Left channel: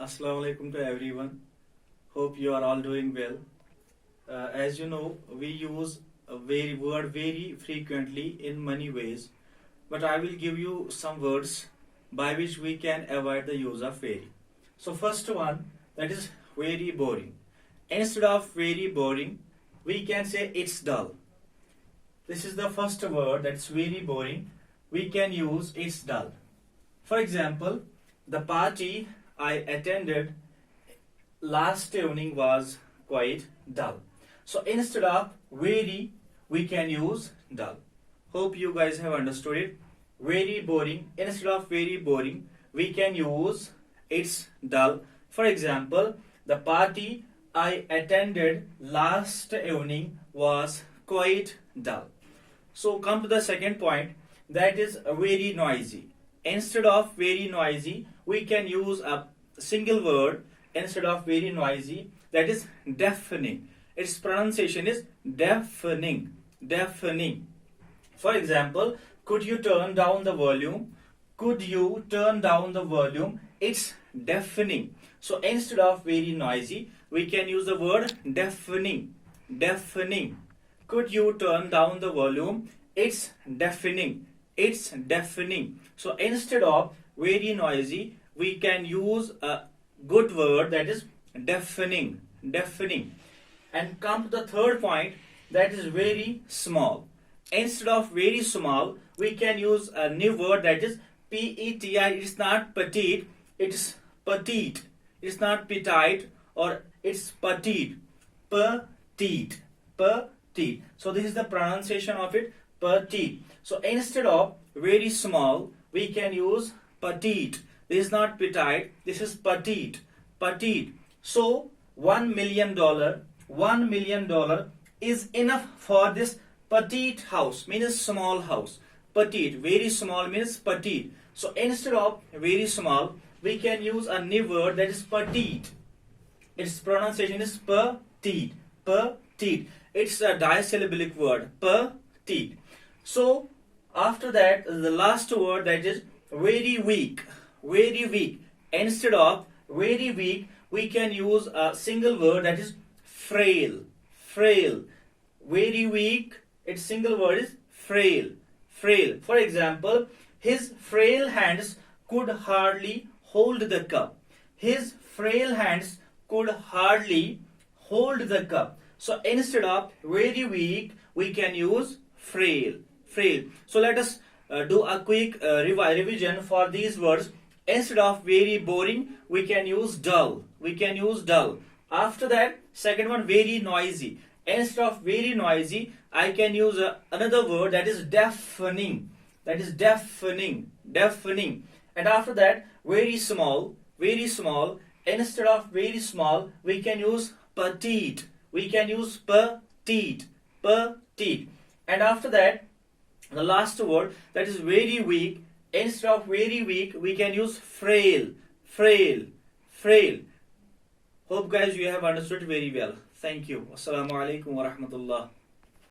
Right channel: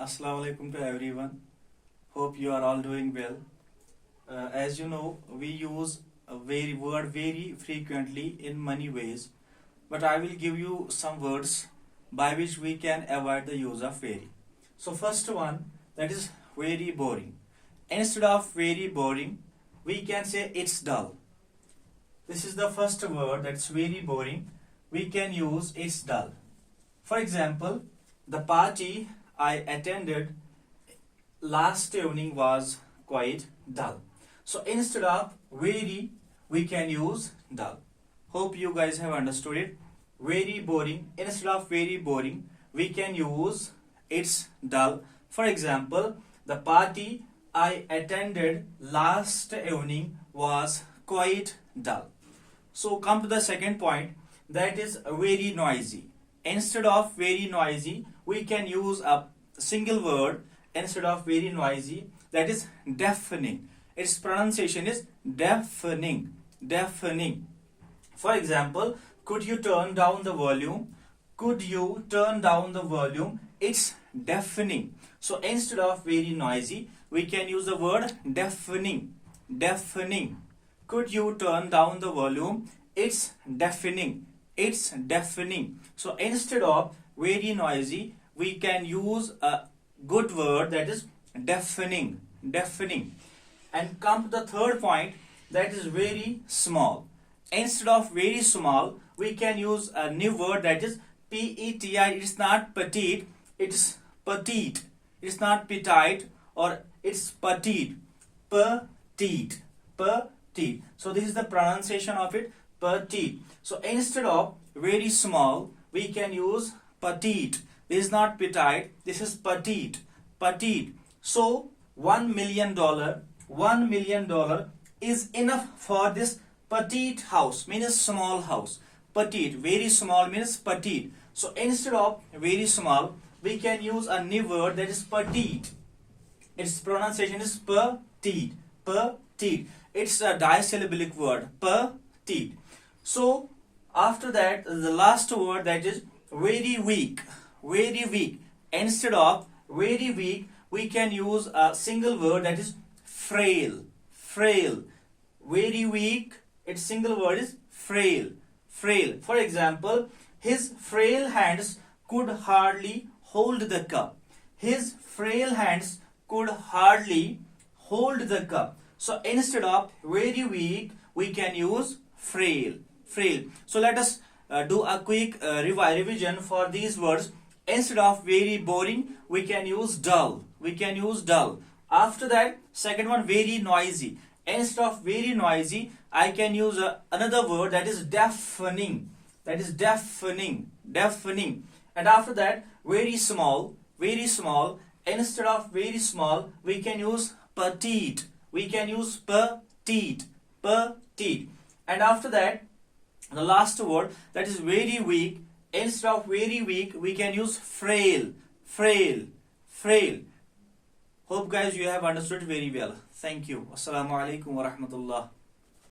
Assalamu alaikum to everyone. Hope you are all doing well. As you know, we use a word very frequently in many ways, but I will give you some words by which we can avoid the use of very. So first one, that is very boring. Instead of very boring, we can say it's dull. This is the first word that's very boring. We can use it's dull. For example, the party I attended last evening was quite dull. So instead of very, we can use dull. Hope you guys have understood it. Very boring. Instead of very boring, we can use it's dull. For example, the party I attended last evening was quite dull. So come to the second point, that is very noisy. Instead of very noisy, we can use a single word instead of very noisy, that is deafening. Its pronunciation is deafening. Deafening. For example, could you turn down the volume? Could you turn down the volume? It's deafening. So instead of very noisy, we can use the word deafening. Deafening. Could you turn down the volume? It's deafening. It's deafening. So instead of very noisy, we can use a good word, that is deafening. Deafening. And come to the third point, that is very small. Instead of very small, we can use a new word, that is P-E-T-I. It's not petite, it's petite. It's not petite or it's petite. Petite. Petite. So this is the pronunciation of it, petite. So instead of very small, we can use petite. This is not petite, this is petite. Petite. So $1 million is enough for this petite house, means small house. Petite, very small means petite. So instead of very small, we can use a new word, that is petite. Its pronunciation is petite. Petite. It's a disyllabic word, petite. So after that, the last word, that is very weak. Very weak. Instead of very weak, we can use a single word, that is frail. Frail. Very weak, its single word is frail. Frail. For example, his frail hands could hardly hold the cup. His frail hands could hardly hold the cup. So instead of very weak, we can use frail. Frail. So let us do a quick revision for these words. Instead of very boring, we can use dull. We can use dull. After that, second one, very noisy. Instead of very noisy, I can use another word, that is deafening. That is deafening. Deafening. And after that, very small. Very small. Instead of very small, we can use petite. We can use petite. Petite. And after that, the last word, that is very weak. Instead of very weak, we can use frail. Frail. Frail. Hope guys you have understood very well. Thank you. Assalamu alaikum wa rahmatullah.